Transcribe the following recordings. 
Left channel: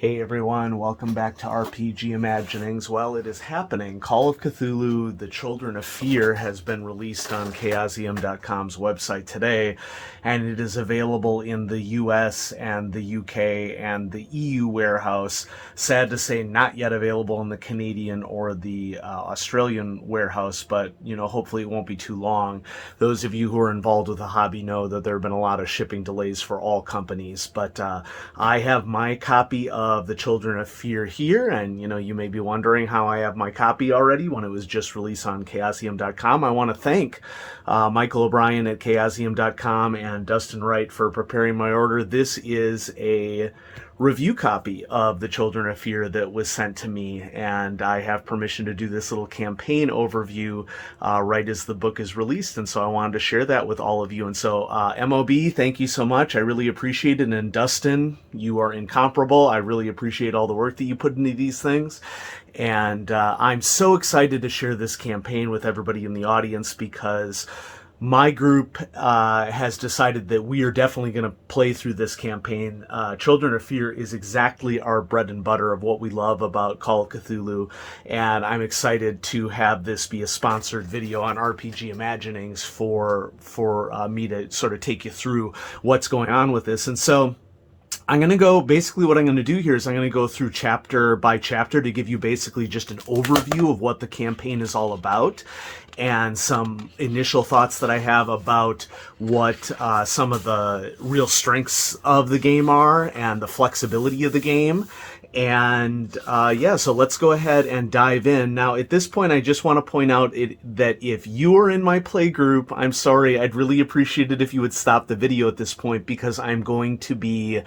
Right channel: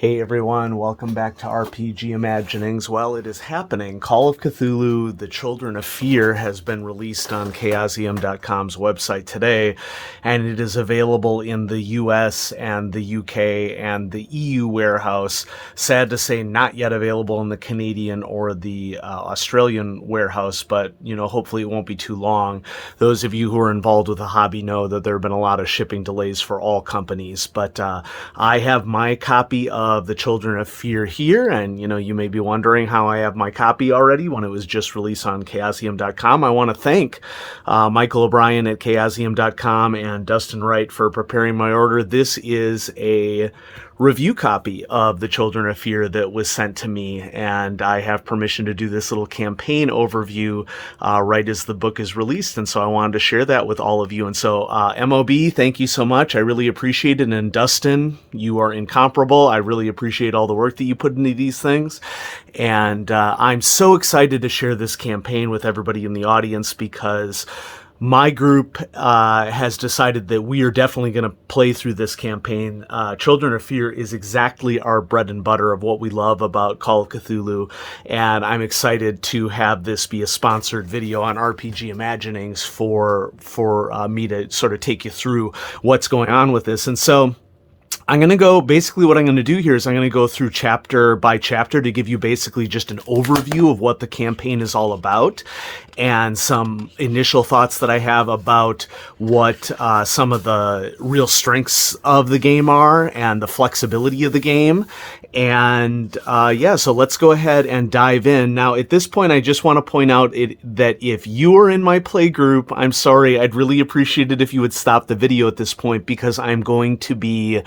Hey everyone, welcome back to RPG Imaginings. Well, it is happening. Call of Cthulhu, The Children of Fear has been released on Chaosium.com's website today, and it is available in the US and the UK and the EU warehouse. Sad to say, not yet available in the Canadian or the Australian warehouse, but hopefully it won't be too long. Those of you who are involved with the hobby know that there have been a lot of shipping delays for all companies, but I have my copy of The Children of Fear here, and you may be wondering how I have my copy already when it was just released on Chaosium.com. I want to thank Michael O'Brien at Chaosium.com and Dustin Wright for preparing my order. This is a review copy of The Children of Fear that was sent to me, and I have permission to do this little campaign overview right as the book is released, and so I wanted to share that with all of you. And so MOB, thank you so much. I really appreciate it. And Dustin, you are incomparable. I really appreciate all the work that you put into these things, and I'm so excited to share this campaign with everybody in the audience because my group has decided that we are definitely going to play through this campaign. Children of Fear is exactly our bread and butter of what we love about Call of Cthulhu, and I'm excited to have this be a sponsored video on RPG Imaginings for me to sort of take you through what's going on with this. And so I'm going to go, basically what I'm going to do here is I'm going to go through chapter by chapter to give you basically just an overview of what the campaign is all about and some initial thoughts that I have about what some of the real strengths of the game are and the flexibility of the game. And so let's go ahead and dive in. Now, at this point, I just want to point out that if you are in my play group, I'm sorry, I'd really appreciate it if you would stop the video at this point because I'm going to be,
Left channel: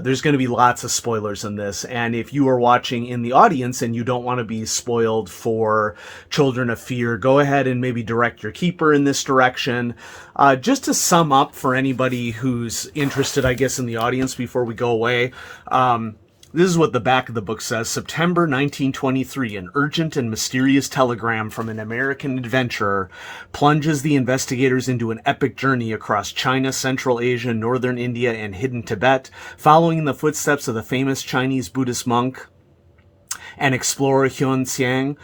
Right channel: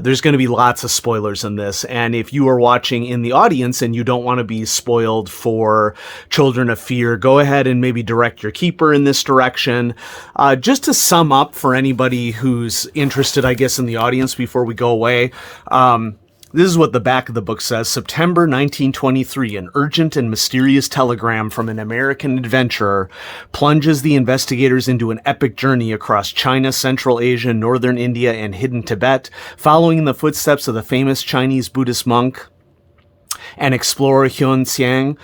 there's going to be lots of spoilers in this. And if you are watching in the audience and you don't want to be spoiled for Children of Fear, go ahead and maybe direct your keeper in this direction. Just to sum up for anybody who's interested, I guess, in the audience before we go away, this is what the back of the book says. September 1923, an urgent and mysterious telegram from an American adventurer plunges the investigators into an epic journey across China, Central Asia, Northern India, and hidden Tibet, following in the footsteps of the famous Chinese Buddhist monk and explorer Hyun Xiang.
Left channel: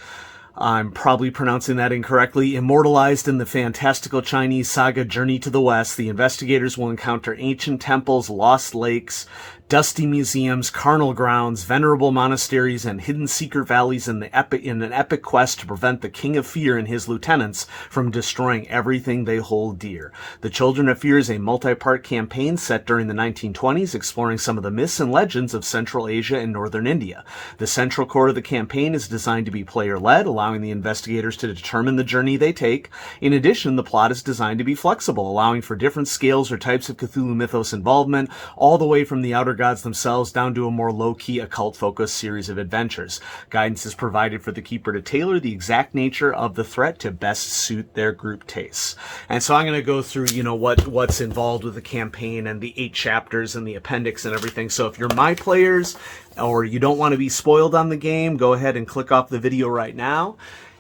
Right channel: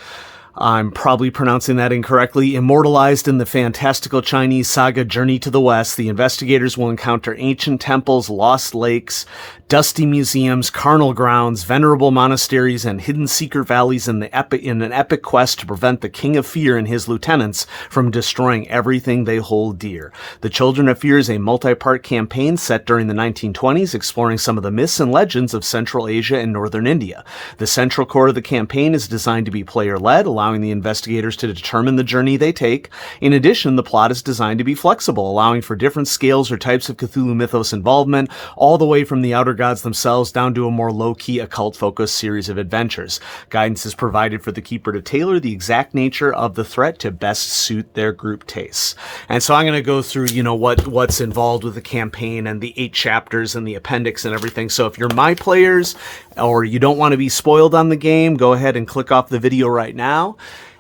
I'm probably pronouncing that incorrectly. Immortalized in the fantastical Chinese saga Journey to the West, the investigators will encounter ancient temples, lost lakes, dusty museums, carnal grounds, venerable monasteries, and hidden secret valleys in an epic quest to prevent the King of Fear and his lieutenants from destroying everything they hold dear. The Children of Fear is a multi-part campaign set during the 1920s, exploring some of the myths and legends of Central Asia and Northern India. The central core of the campaign is designed to be player-led, allowing the investigators to determine the journey they take. In addition, the plot is designed to be flexible, allowing for different scales or types of Cthulhu mythos involvement, all the way from the outer gods themselves down to a more low-key occult-focused series of adventures. Guidance is provided for the keeper to tailor the exact nature of the threat to best suit their group tastes. And so I'm going to go through, what's involved with the campaign and the 8 chapters and the appendix and everything. So if you're my players or you don't want to be spoiled on the game, go ahead and click off the video right now.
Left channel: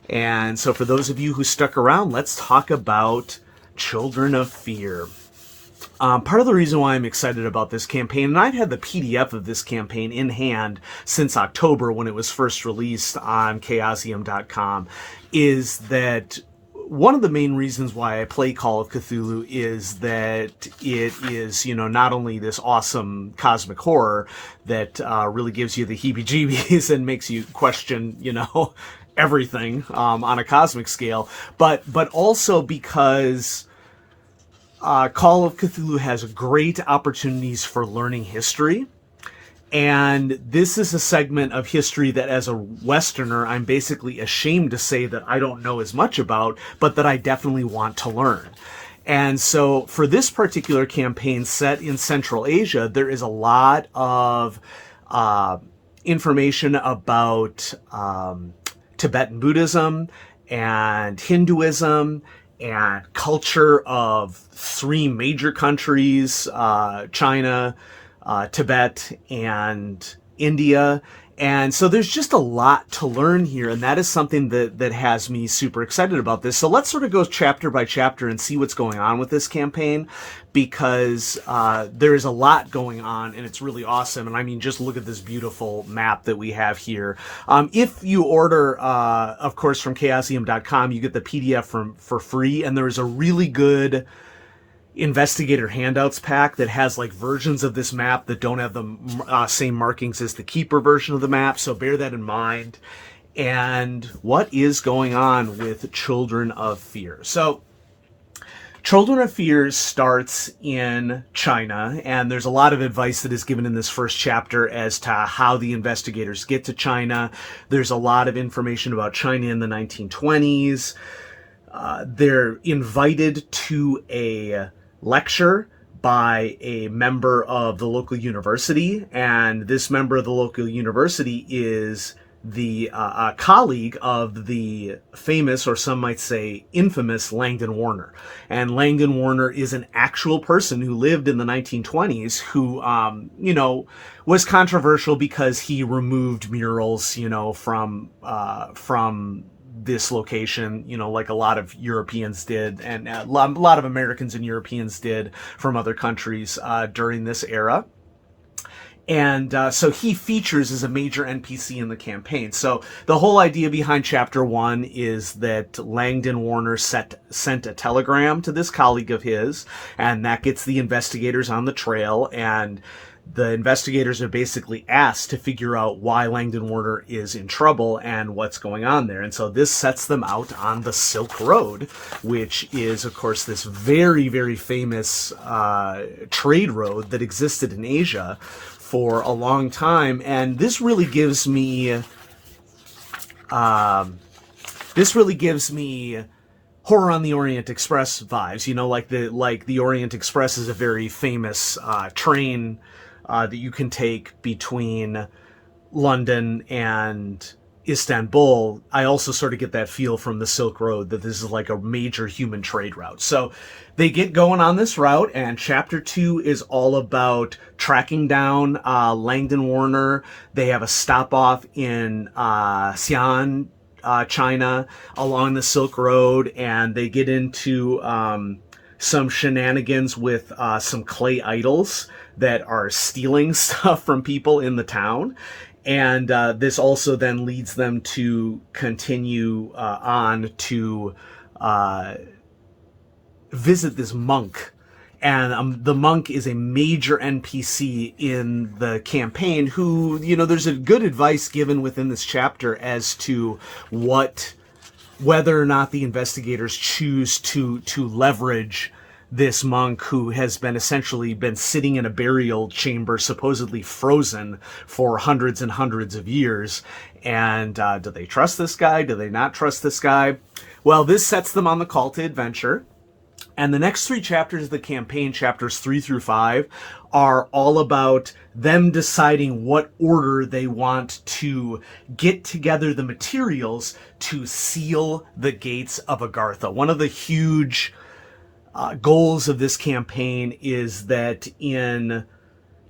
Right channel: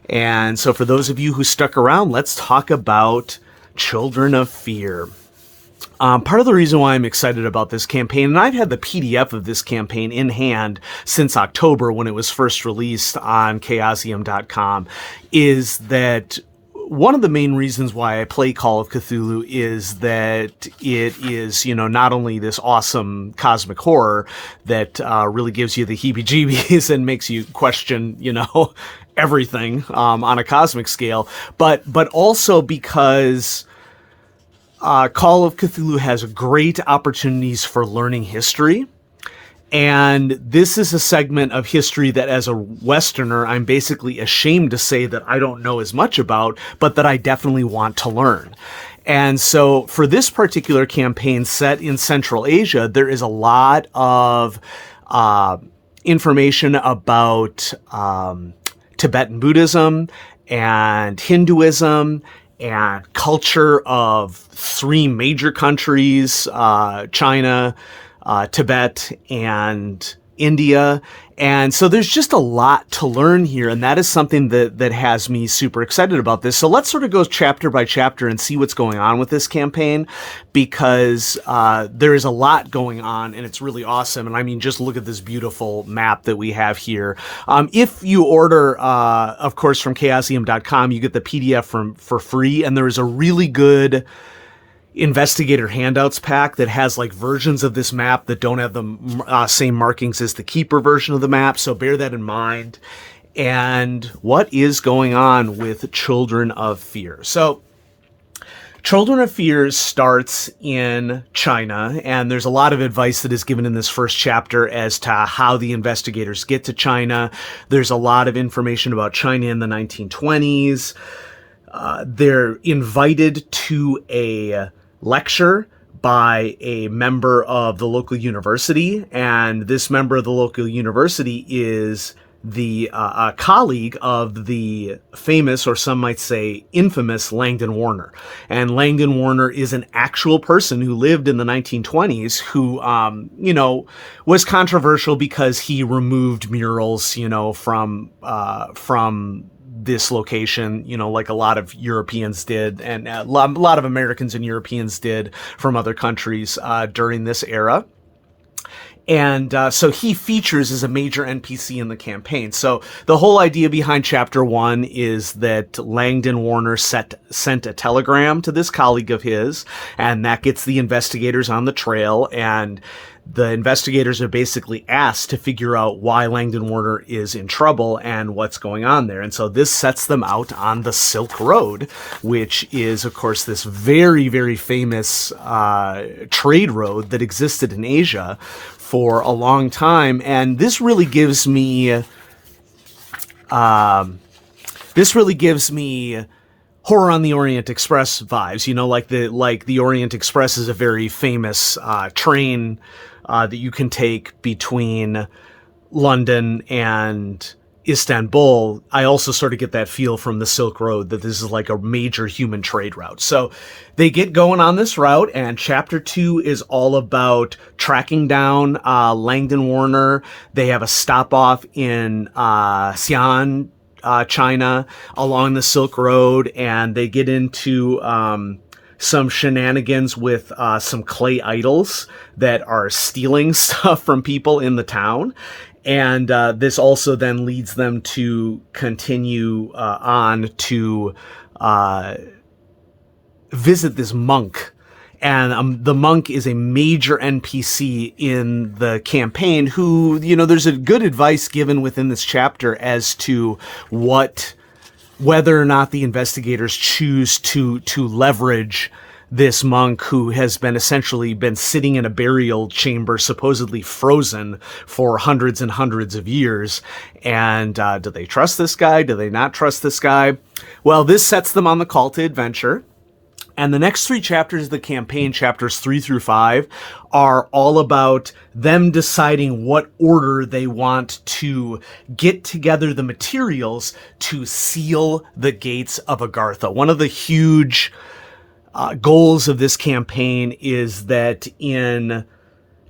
And so for those of you who stuck around, let's talk about Children of Fear. Part of the reason why I'm excited about this campaign, and I've had the PDF of this campaign in hand since October when it was first released on Chaosium.com, is that one of the main reasons why I play Call of Cthulhu is that it is, not only this awesome cosmic horror that really gives you the heebie-jeebies and makes you question, everything on a cosmic scale, but also because Call of Cthulhu has great opportunities for learning history. And this is a segment of history that as a Westerner, I'm basically ashamed to say that I don't know as much about, but that I definitely want to learn. And so for this particular campaign set in Central Asia, there is a lot of information about Tibetan Buddhism and Hinduism and culture of 3 major countries, China, Tibet, and India. And so there's just a lot to learn here, and that is something that has me super excited about this. So let's sort of go chapter by chapter and see what's going on with this campaign, because there is a lot going on, and it's really awesome. And I mean, just look at this beautiful map that we have here. If you order, of course, from chaosium.com, you get the PDF for free, and there is a really good investigator handouts pack that has like versions of this map that don't have the same markings as the keeper version of the map, so bear that in mind. And what is going on with Children of Fear? So Children of Fear starts in China, and there's a lot of advice that is given in this first chapter as to how the investigators get to China. There's a lot of information about China in the 1920s. They're invited to a lecture by a member of the local university, and this member of the local university is the colleague of the famous, or some might say infamous, Langdon Warner. And Langdon Warner is an actual person who lived in the 1920s who, was controversial because he removed murals, from this location, like a lot of Europeans did, and a lot of Americans and Europeans did from other countries during this era. And so he features as a major NPC in the campaign. So the whole idea behind Chapter 1 is that Langdon Warner sent a telegram to this colleague of his, and that gets the investigators on the trail, and the investigators are basically asked to figure out why Langdon Warner is in trouble and what's going on there. And so this sets them out on the Silk Road, which is, of course, this very, very famous trade road that existed in Asia for a long time. And this really gives me Horror on the Orient Express vibes. Like the Orient Express is a very famous train that you can take between London and Istanbul. I also sort of get that feel from the Silk Road that this is like a major human trade route. So they get going on this route, and Chapter 2 is all about tracking down Langdon Warner. They have a stop off in Xi'an, China, along the Silk Road, and they get into some shenanigans with some clay idols that are stealing stuff from people in the town. And this also then leads them to continue on to visit this monk. And the monk is a major NPC in the campaign who, there's a good advice given within this chapter as to whether or not the investigators choose to leverage this monk who has essentially been sitting in a burial chamber, supposedly frozen for hundreds and hundreds of years. And do they trust this guy? Do they not trust this guy? Well, this sets them on the call to adventure. And the next 3 chapters of the campaign, chapters 3 through 5, are all about them deciding what order they want to get together the materials to seal the gates of Agartha. One of the huge goals of this campaign is that in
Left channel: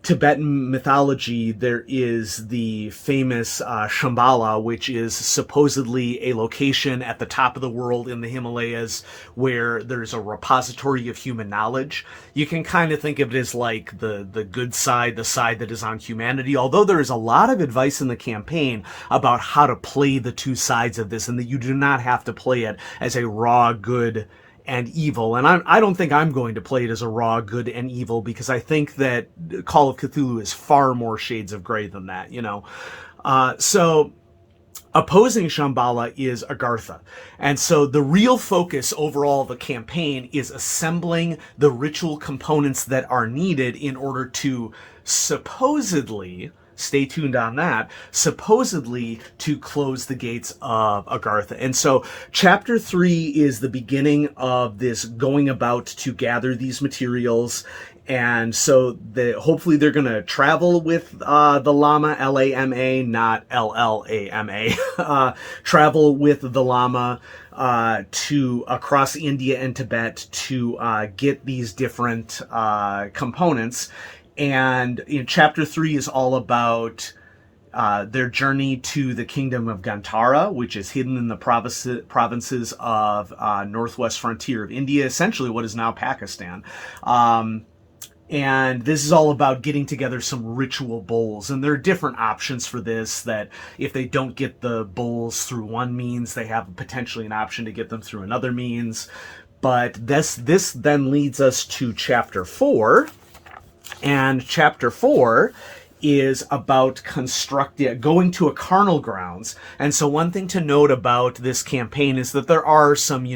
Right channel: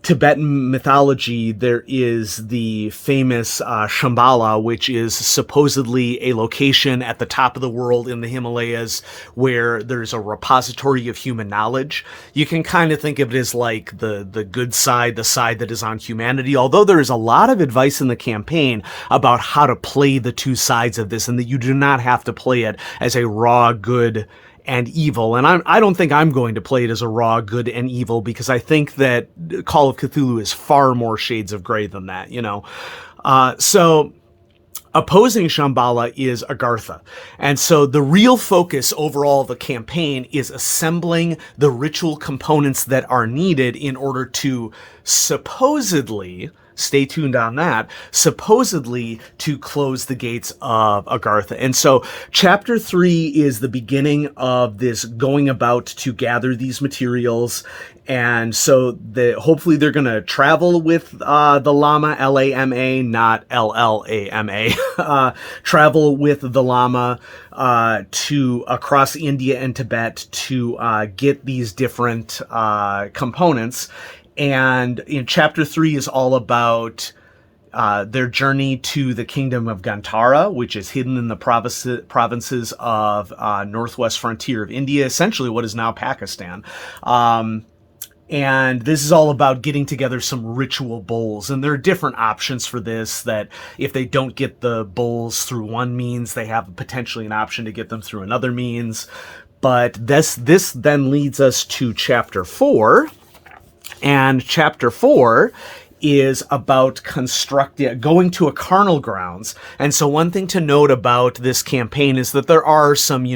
Tibetan mythology, there is the famous Shambhala, which is supposedly a location at the top of the world in the Himalayas where there's a repository of human knowledge. You can kind of think of it as like the good side, the side that is on humanity, although there is a lot of advice in the campaign about how to play the two sides of this, and that you do not have to play it as a raw good and evil. And I don't think I'm going to play it as a raw good and evil, because I think that Call of Cthulhu is far more shades of gray than that, So opposing Shambhala is Agartha. And so the real focus overall of the campaign is assembling the ritual components that are needed in order to supposedly, stay tuned on that, supposedly to close the gates of Agartha. And so chapter 3 is the beginning of this going about to gather these materials. And so hopefully they're going to travel with the Lama, Lama, not Llama, travel with the Lama to across India and Tibet to get these different components. And in chapter 3 is all about their journey to the kingdom of Gantara, which is hidden in the provinces of northwest frontier of India, essentially what is now Pakistan. And this is all about getting together some ritual bowls. And there are different options for this, that if they don't get the bowls through one means, they have potentially an option to get them through another means. But this then leads us to Chapter 4. And Chapter 4 is about going to a carnal grounds. And so one thing to note about this campaign is that there are some,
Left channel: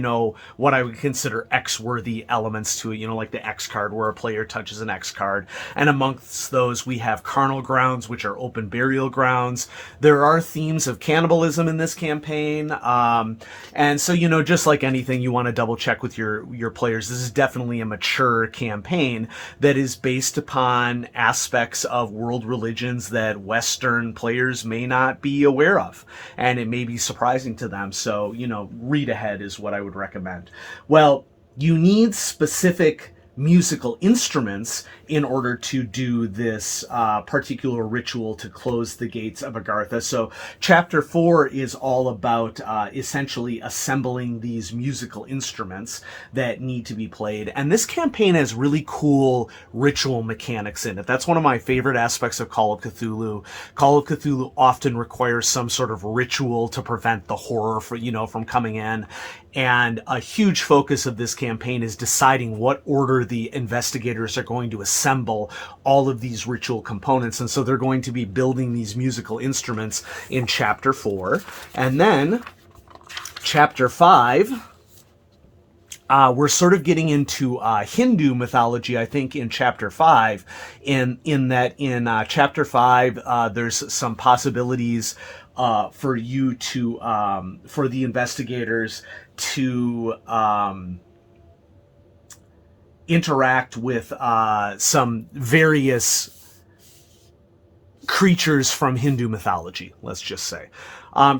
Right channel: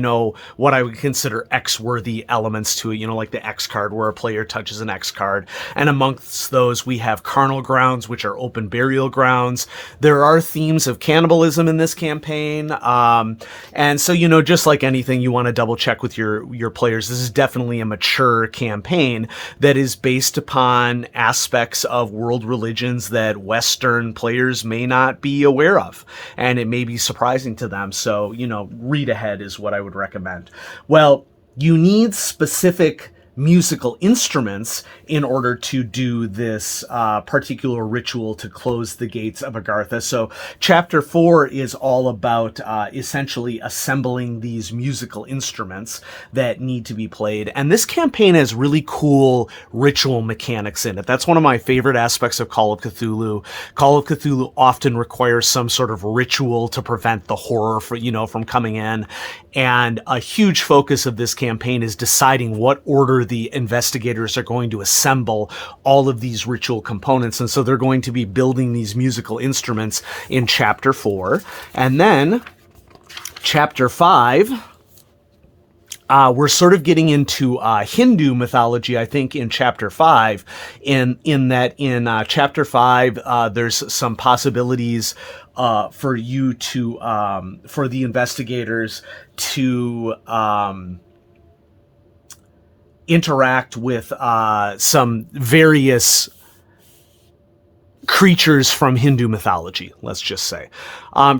what I would consider X-worthy elements to it, like the X card, where a player touches an X card. And amongst those, we have carnal grounds, which are open burial grounds. There are themes of cannibalism in this campaign. And so, just like anything, you want to double check with your players. This is definitely a mature campaign that is based upon aspects of world religions that Western players may not be aware of, and it may be surprising to them. So, read ahead is what I would recommend. Well, you need specific musical instruments in order to do this particular ritual to close the gates of Agartha. So Chapter 4 is all about essentially assembling these musical instruments that need to be played. And this campaign has really cool ritual mechanics in it. That's one of my favorite aspects of Call of Cthulhu. Call of Cthulhu often requires some sort of ritual to prevent the horror from coming in. And a huge focus of this campaign is deciding what order the investigators are going to assemble all of these ritual components. And so they're going to be building these musical instruments in Chapter 4. And then Chapter 5, we're sort of getting into Hindu mythology, I think, in Chapter 5. In Chapter 5, there's some possibilities for the investigators to interact with some various creatures from Hindu mythology, let's just say.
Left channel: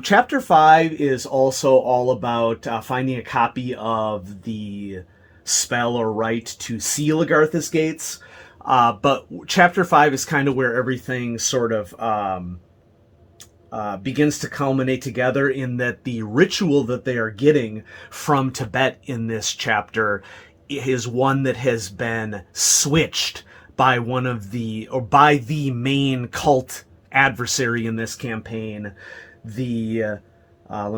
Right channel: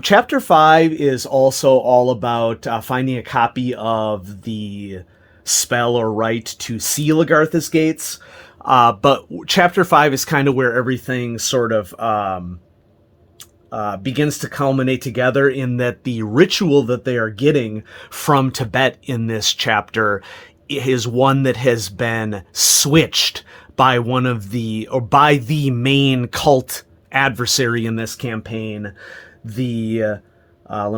Chapter 5 is also all about finding a copy of the spell or rite to seal Agartha's gates. But Chapter 5 is kind of where everything sort of begins to culminate together, in that the ritual that they are getting from Tibet in this chapter is one that has been switched by by the main cult adversary in this campaign. Let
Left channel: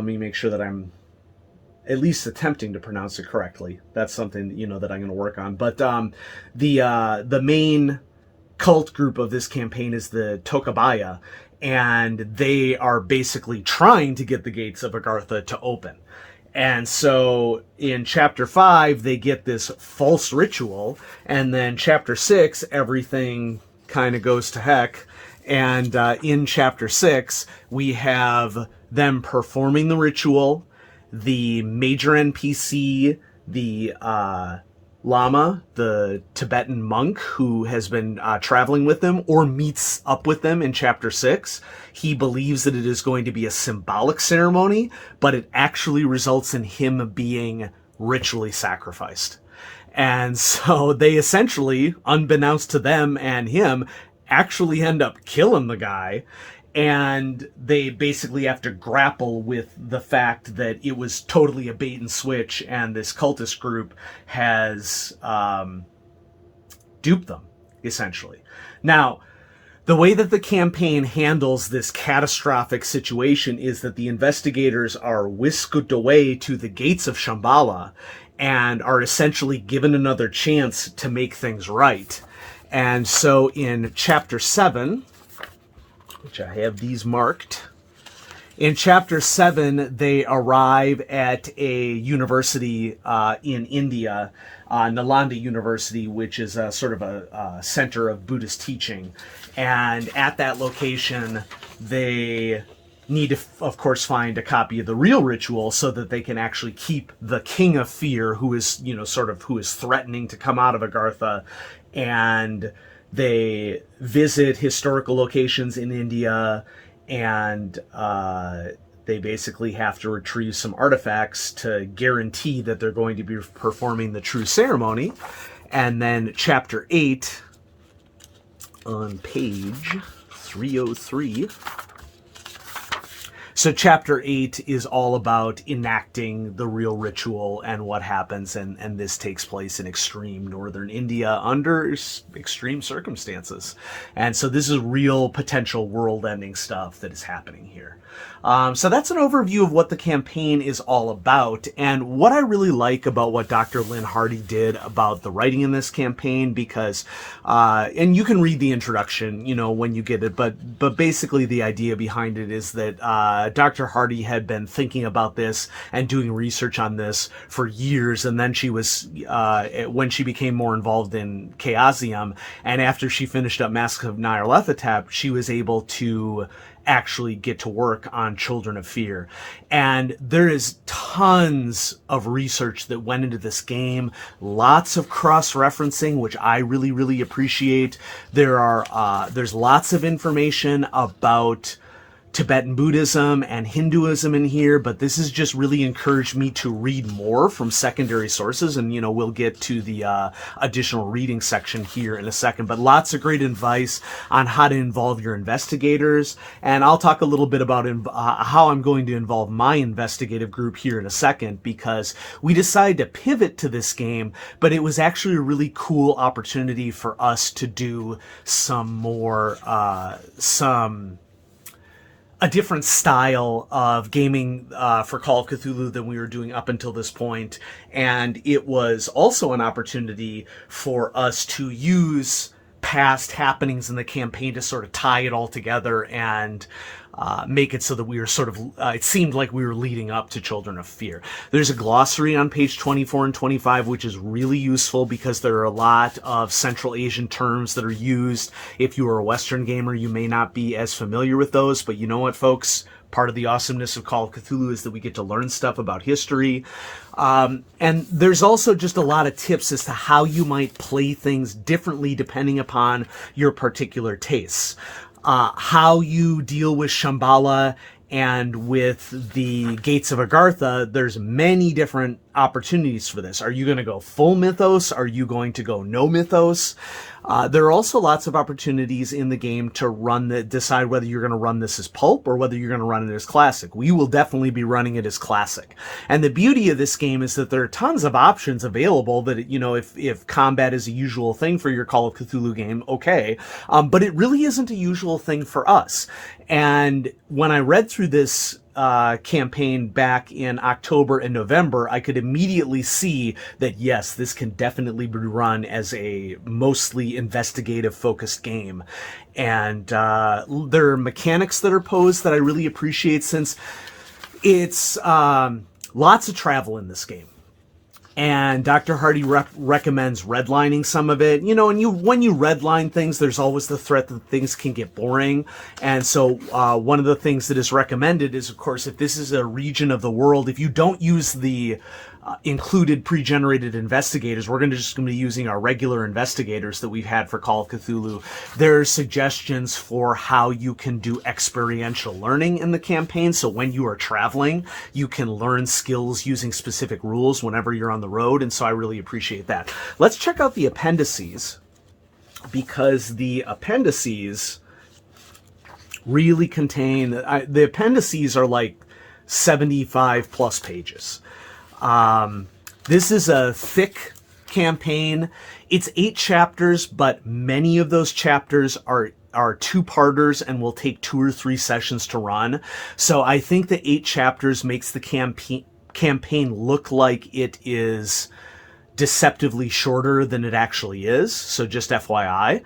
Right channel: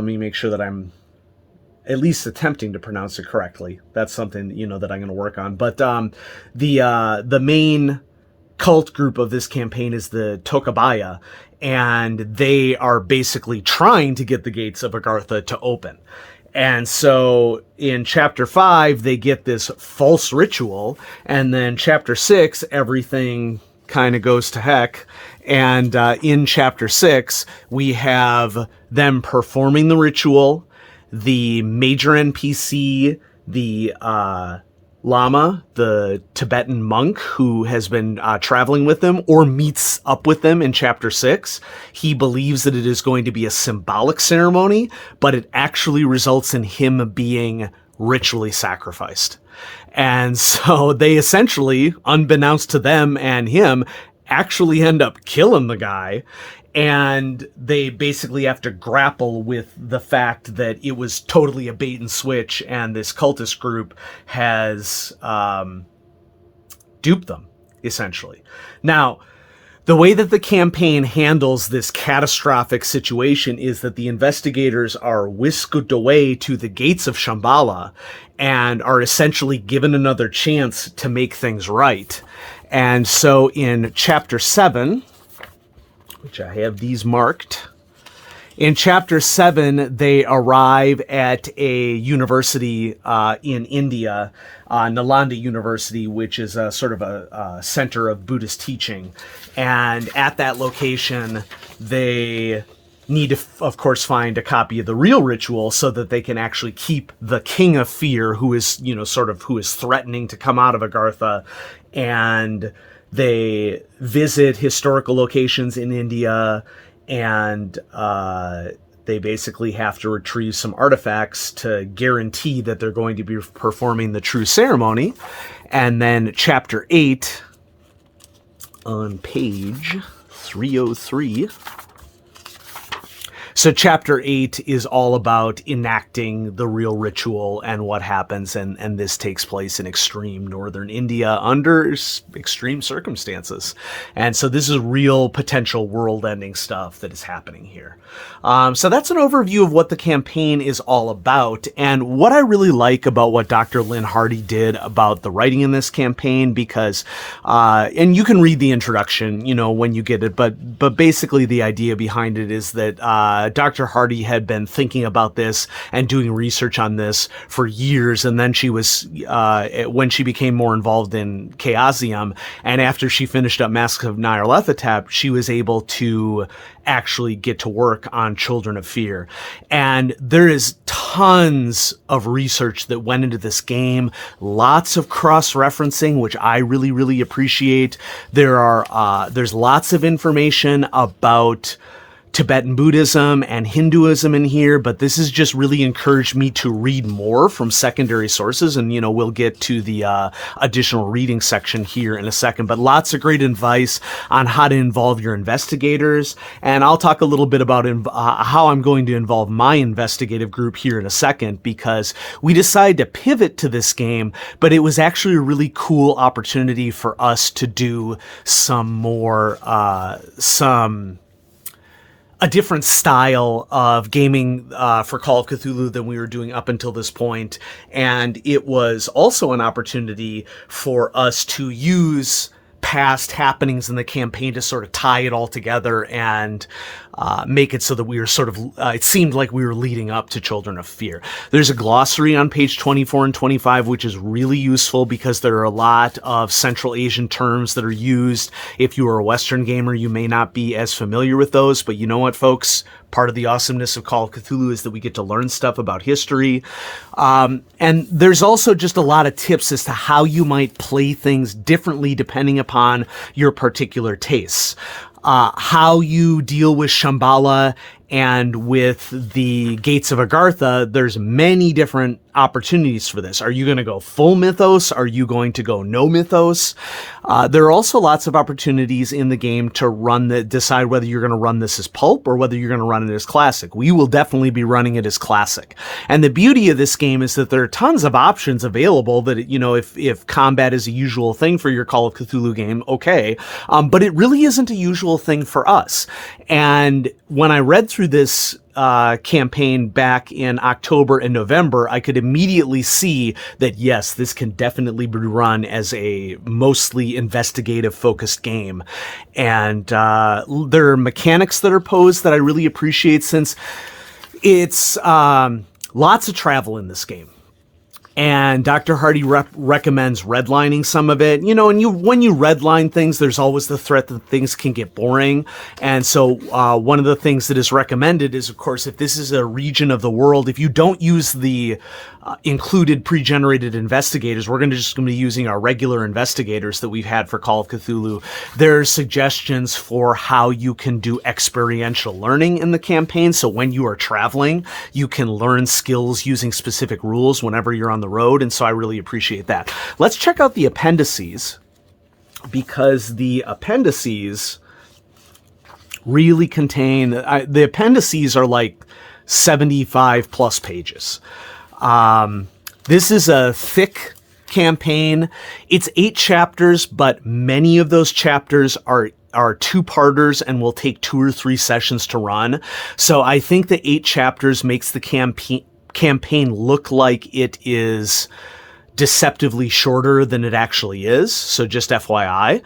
me make sure that I'm at least attempting to pronounce it correctly. That's something, that I'm going to work on. But the main cult group of this campaign is the Tokabaya, and they are basically trying to get the gates of Agartha to open. And so in Chapter 5, they get this false ritual, and then Chapter 6, everything kind of goes to heck. And in Chapter 6, we have them performing the ritual, the major NPC, the Lama, the Tibetan monk who has been traveling with them or meets up with them in Chapter 6. He believes that it is going to be a symbolic ceremony, but it actually results in him being ritually sacrificed. And so they essentially, unbeknownst to them and him, actually end up killing the guy. And they basically have to grapple with the fact that it was totally a bait and switch, and this cultist group has duped them, essentially. Now, the way that the campaign handles this catastrophic situation is that the investigators are whisked away to the gates of Shambhala and are essentially given another chance to make things right. And so in Chapter 7... which I have these marked. In Chapter 7, they arrive at a university in India, Nalanda University, which is a sort of a center of Buddhist teaching. And at that location, they need to, of course, find a copy of the real ritual so that they can actually keep the King of Fear, who is, who is threatening to come out of Agartha. And they visit historical locations in India, and they basically have to retrieve some artifacts to guarantee that they're going to be performing the true ceremony. And then Chapter 8, on page 303, So chapter 8 is all about enacting the real ritual and what happens, and this takes place in extreme northern India under extreme circumstances. And so this is real potential world-ending stuff that is happening here. So that's an overview of what the campaign is all about, and what I really like about what Dr. Lynn Hardy did about the writing in this campaign, because, and you can read the introduction, when you get it, but basically the idea behind it is that Dr. Hardy had been thinking about this and doing research on this for years, and then she was, when she became more involved in Chaosium, and after she finished up Masks of Nyarlathotep, she was able to actually get to work on Children of Fear. And there is tons of research that went into this game, lots of cross-referencing, which I really, really appreciate. There's lots of information about Tibetan Buddhism and Hinduism in here, but this has just really encouraged me to read more from secondary sources, and we'll get to the additional reading section here in a second, but lots of great advice on how to involve your investigators, and I'll talk a little bit about how I'm going to involve my investigative group here in a second, because we decided to pivot to this game, but it was actually a really cool opportunity for us to do a different style of gaming for Call of Cthulhu than we were doing up until this point. And it was also an opportunity for us to use past happenings in the campaign to sort of tie it all together and make it so that we were sort of, it seemed like we were leading up to Children of Fear. There's a glossary on page 24 and 25, which is really useful because there are a lot of Central Asian terms that are used. If you are a Western gamer, you may not be as familiar with those, but you know what, folks? Part of the awesomeness of Call of Cthulhu is that we get to learn stuff about history. And there's also just a lot of tips as to how you might play things differently depending upon your particular tastes. How you deal with Shambhala and with the Gates of Agartha, there's many different opportunities for this. Are you going to go full mythos? Are you going to go no mythos? There are also lots of opportunities in the game to decide whether you're going to run this as pulp or whether you're going to run it as classic. We will definitely be running it as classic. And the beauty of this game is that there are tons of options available that, if combat is a usual thing for your Call of Cthulhu game, okay. But it really isn't a usual thing for us. And when I read through this campaign back in October and November, I could immediately see that, yes, this can definitely be run as a mostly investigative focused game. And there are mechanics that are posed that I really appreciate, since it's lots of travel in this game. And Dr. Hardy recommends redlining some of it. And when you redline things, there's always the threat that things can get boring. And so one of the things that is recommended is, of course, if this is a region of the world, if you don't use the included pre-generated investigators, we're just going to be using our regular investigators that we've had for Call of Cthulhu. There are suggestions for how you can do experiential learning in the campaign. So when you are traveling, you can learn skills using specific rules whenever you're on the road. And so I really appreciate that. Let's check out the appendices, because the appendices really contain, the appendices are like 75 plus pages. This is a thick campaign. It's 8 chapters, but many of those chapters are two-parters and will take 2 or 3 sessions to run. So I think the 8 chapters makes the campaign look like it is deceptively shorter than it actually is. So just FYI.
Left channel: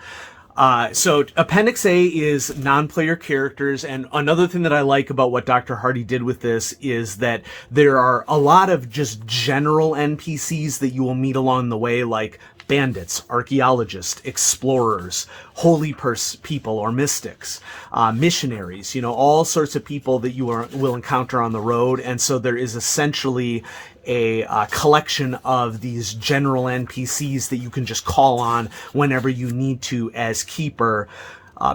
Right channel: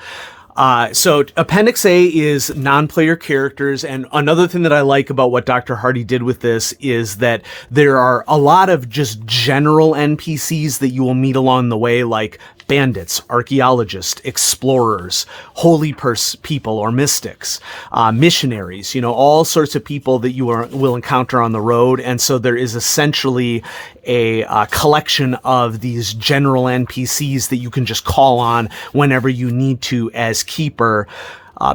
So Appendix A is non-player characters, and another thing that I like about what Dr. Hardy did with this is that there are a lot of just general NPCs that you will meet along the way, like bandits, archaeologists, explorers, holy people or mystics, missionaries, all sorts of people that you will encounter on the road. And so there is essentially a collection of these general NPCs that you can just call on whenever you need to as keeper.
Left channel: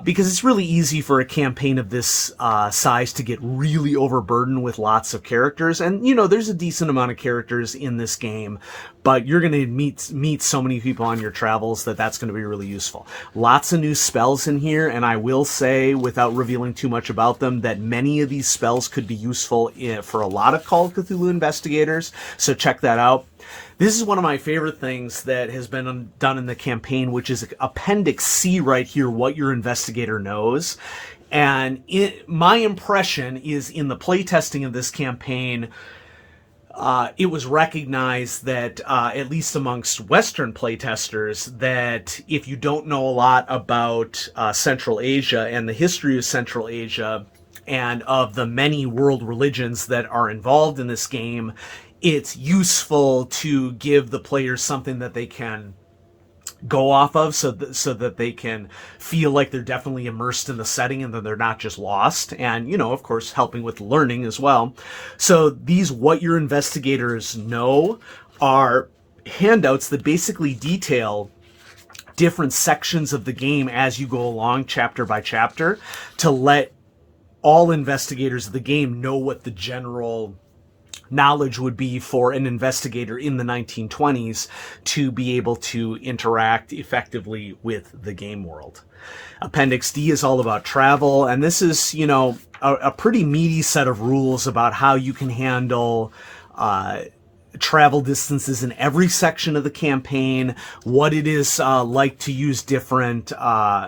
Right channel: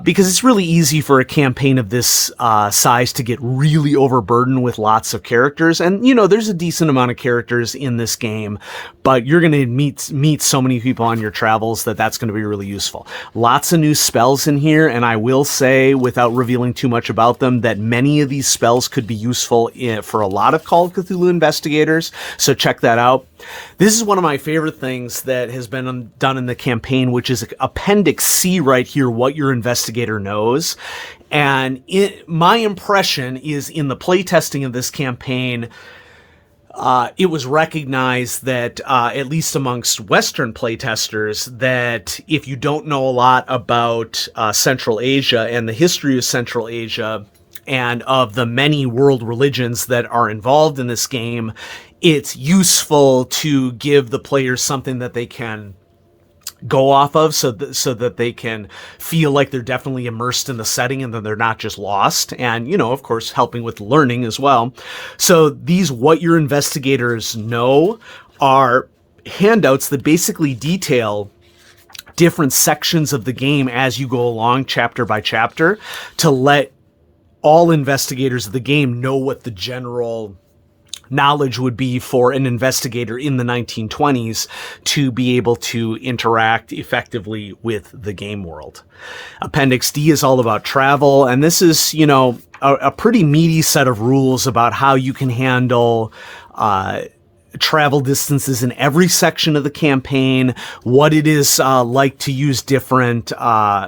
because it's really easy for a campaign of this size to get really overburdened with lots of characters. And, there's a decent amount of characters in this game, but you're going to meet so many people on your travels that's going to be really useful. Lots of new spells in here, and I will say, without revealing too much about them, that many of these spells could be useful for a lot of Call of Cthulhu investigators, so check that out. This is one of my favorite things that has been done in the campaign, which is Appendix C right here, what your investigator knows. And my impression is, in the playtesting of this campaign, it was recognized that, at least amongst Western playtesters, that if you don't know a lot about Central Asia and the history of Central Asia and of the many world religions that are involved in this game, it's useful to give the players something that they can go off of, so that they can feel like they're definitely immersed in the setting and that they're not just lost. And, of course, helping with learning as well. So these what your investigators know are handouts that basically detail different sections of the game as you go along, chapter by chapter, to let all investigators of the game know what the general knowledge would be for an investigator in the 1920s to be able to interact effectively with the game world. Appendix D is all about travel, and this is, a pretty meaty set of rules about how you can handle travel distances in every section of the campaign, what it is like to use different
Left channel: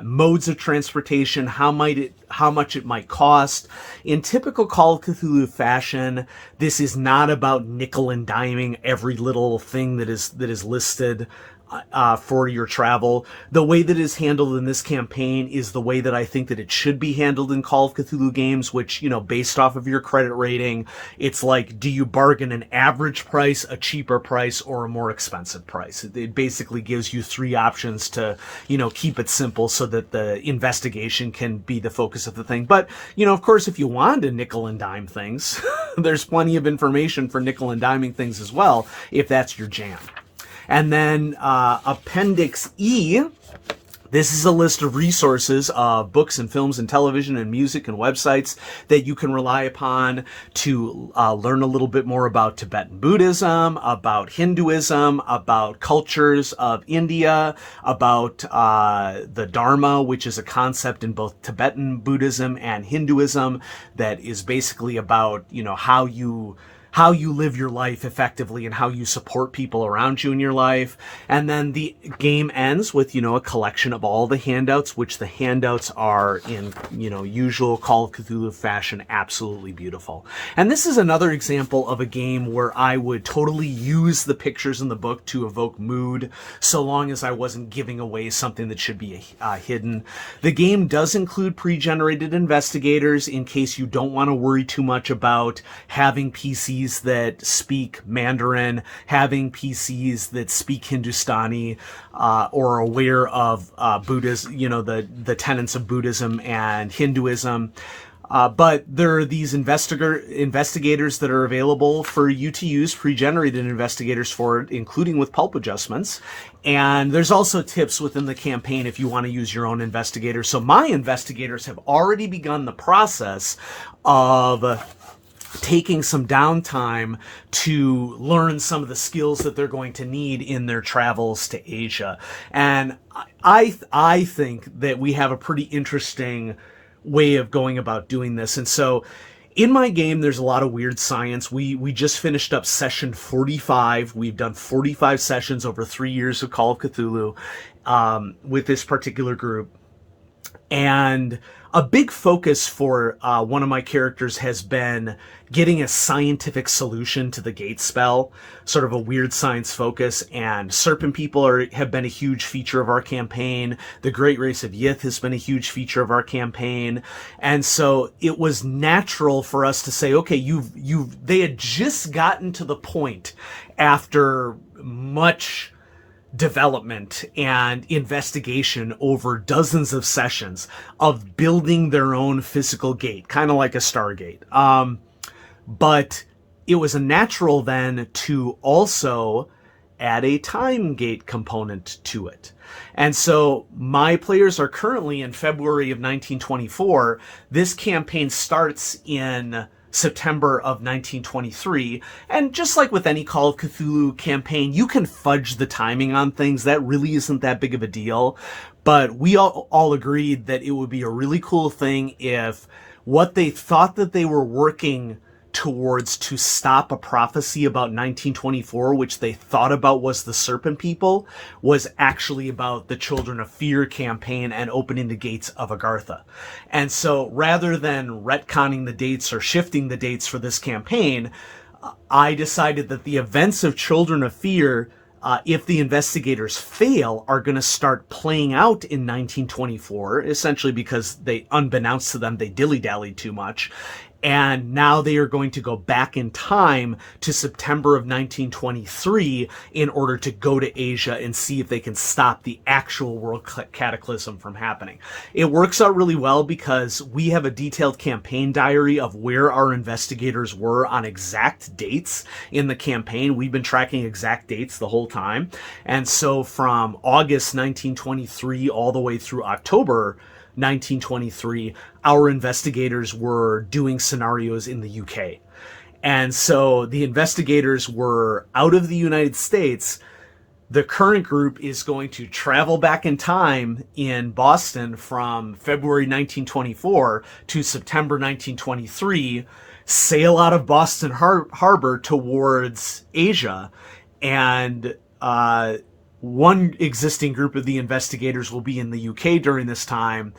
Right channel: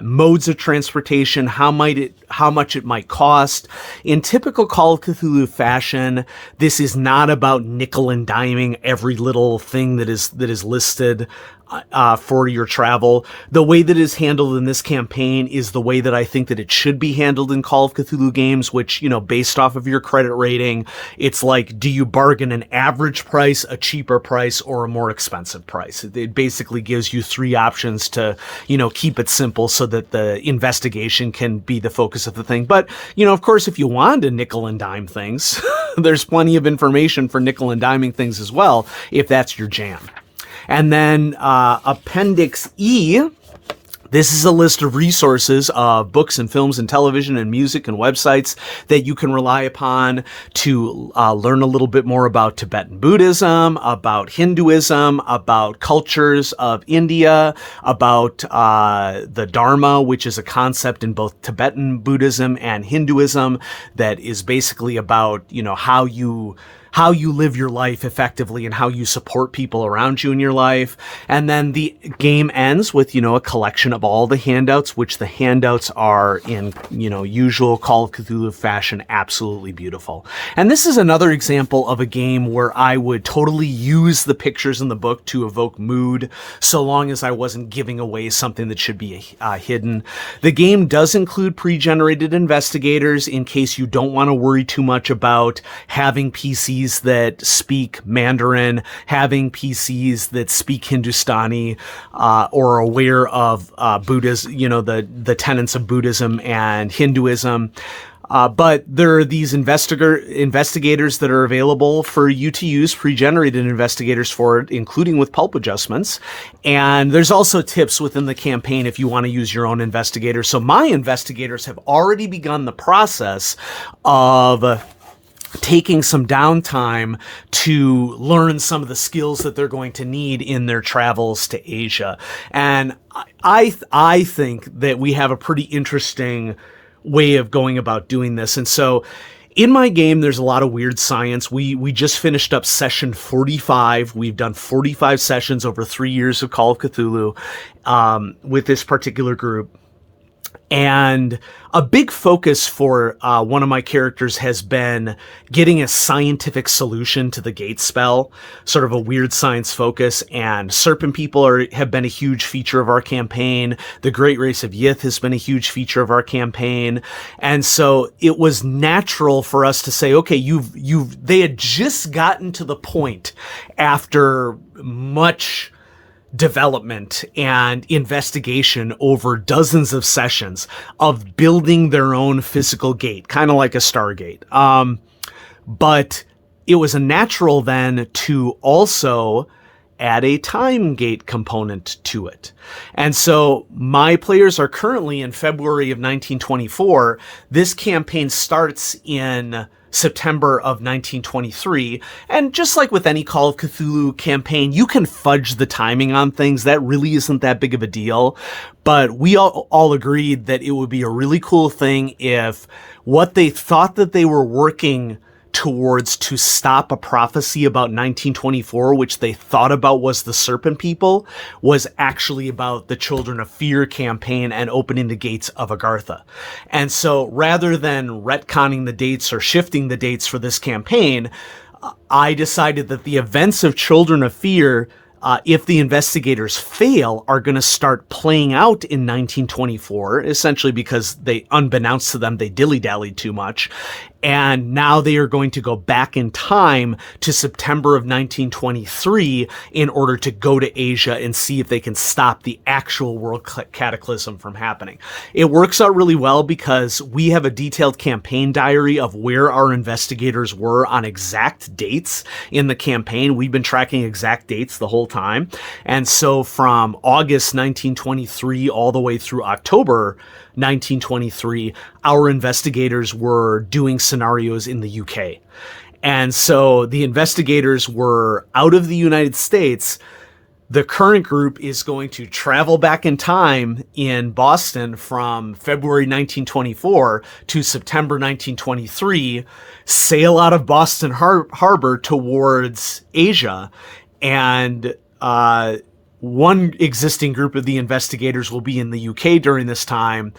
modes of transportation, how much it might cost. In typical Call of Cthulhu fashion, this is not about nickel and diming every little thing that is listed for your travel. The way that is handled in this campaign is the way that I think that it should be handled in Call of Cthulhu games, which, based off of your credit rating, it's like, do you bargain an average price, a cheaper price, or a more expensive price? It basically gives you three options to, keep it simple so that the investigation can be the focus of the thing. But, of course, if you want to nickel and dime things, there's plenty of information for nickel and diming things as well, if that's your jam. And then Appendix E, this is a list of resources of books and films and television and music and websites that you can rely upon to learn a little bit more about Tibetan Buddhism, about Hinduism, about cultures of India, about the Dharma, which is a concept in both Tibetan Buddhism and Hinduism that is basically about, how you live your life effectively and how you support people around you in your life. And then the game ends with, a collection of all the handouts, which the handouts are in, usual Call of Cthulhu fashion, absolutely beautiful. And this is another example of a game where I would totally use the pictures in the book to evoke mood, so long as I wasn't giving away something that should be hidden. The game does include pre-generated investigators in case you don't want to worry too much about having PCs that speak Mandarin, having PCs that speak Hindustani, or aware of Buddhism, the tenets of Buddhism and Hinduism. But there are these investigators that are available for you to use, pre-generated investigators for it, including with pulp adjustments. And there's also tips within the campaign if you want to use your own investigator. So my investigators have already begun the process of taking some downtime to learn some of the skills that they're going to need in their travels to Asia. And I think that we have a pretty interesting way of going about doing this. And so in my game, there's a lot of weird science. We just finished up session 45. We've done 45 sessions over 3 years of Call of Cthulhu with this particular group. And a big focus for one of my characters has been getting a scientific solution to the gate spell, sort of a weird science focus. And serpent people have been a huge feature of our campaign. The Great Race of Yith has been a huge feature of our campaign. And so it was natural for us to say, okay, they had just gotten to the point after much development and investigation over dozens of sessions of building their own physical gate, kind of like a Stargate. But it was a natural then to also add a TimeGate component to it. And so my players are currently in February of 1924. This campaign starts in September of 1923. And just like with any Call of Cthulhu campaign, you can fudge the timing on things. That really isn't that big of a deal. But we all agreed that it would be a really cool thing if what they thought that they were working towards to stop a prophecy about 1924, which they thought about was the Serpent People, was actually about the Children of Fear campaign and opening the gates of Agartha. And so rather than retconning the dates or shifting the dates for this campaign, I decided that the events of Children of Fear, if the investigators fail, are going to start playing out in 1924, essentially because they, unbeknownst to them, they dilly-dallied too much. And now they are going to go back in time to September of 1923 in order to go to Asia and see if they can stop the actual world cataclysm from happening. It works out really well because we have a detailed campaign diary of where our investigators were on exact dates in the campaign. We've been tracking exact dates the whole time. And so from August 1923 all the way through October 1923, our investigators were doing scenarios in the UK. And so the investigators were out of the United States. The current group is going to travel back in time in Boston from February 1924 to September 1923, sail out of Boston Harbor towards Asia, and one existing group of the investigators will be in the UK during this time.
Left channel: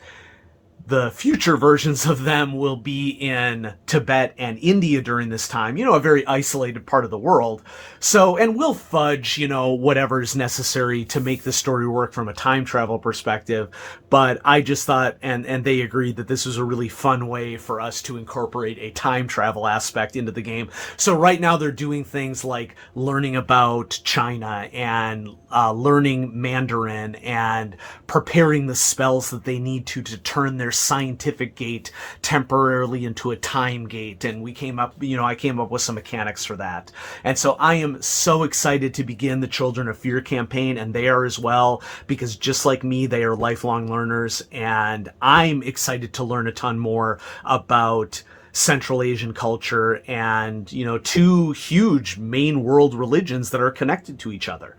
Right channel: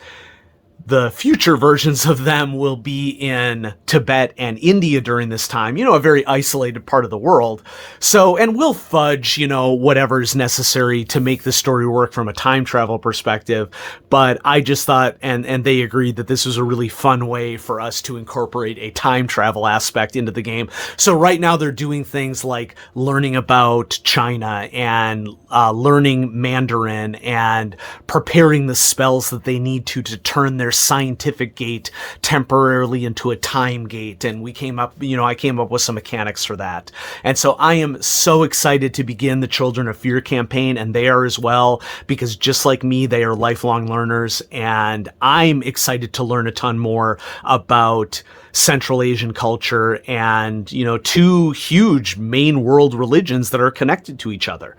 The future versions of them will be in Tibet and India during this time, a very isolated part of the world. So, and we'll fudge, whatever's necessary to make the story work from a time travel perspective. But I just thought, and they agreed, that this was a really fun way for us to incorporate a time travel aspect into the game. So right now they're doing things like learning about China and learning Mandarin and preparing the spells that they need to turn their scientific gate temporarily into a time gate. And we came up, I came up with some mechanics for that. And so I am so excited to begin the Children of Fear campaign, and they are as well, because just like me, they are lifelong learners, and I'm excited to learn a ton more about Central Asian culture and, two huge main world religions that are connected to each other.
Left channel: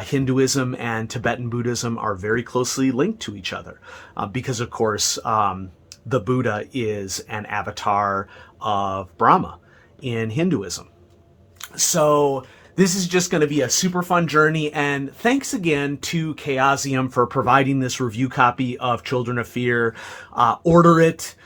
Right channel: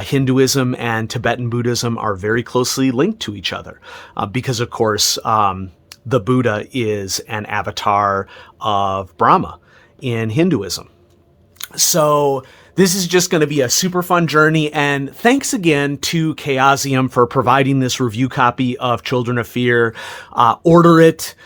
Hinduism and Tibetan Buddhism are very closely linked to each other because, of course, the Buddha is an avatar of Brahma in Hinduism. So this is just going to be a super fun journey, and thanks again to Chaosium for providing this review copy of Children of Fear. Order it.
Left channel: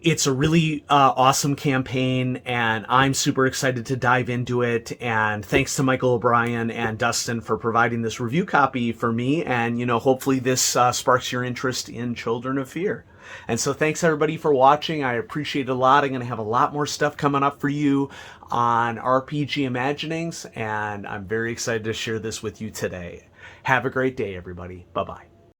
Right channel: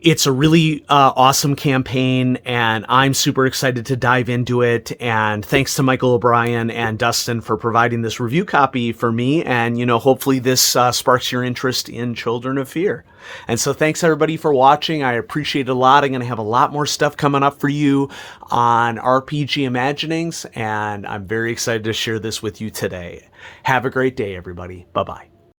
It's a really awesome campaign, and I'm super excited to dive into it. And thanks to Michael O'Brien and Dustin for providing this review copy for me. And, hopefully this sparks your interest in Children of Fear. And so thanks everybody for watching. I appreciate it a lot. I'm going to have a lot more stuff coming up for you on RPG Imaginings, and I'm very excited to share this with you today. Have a great day, everybody. Bye-bye.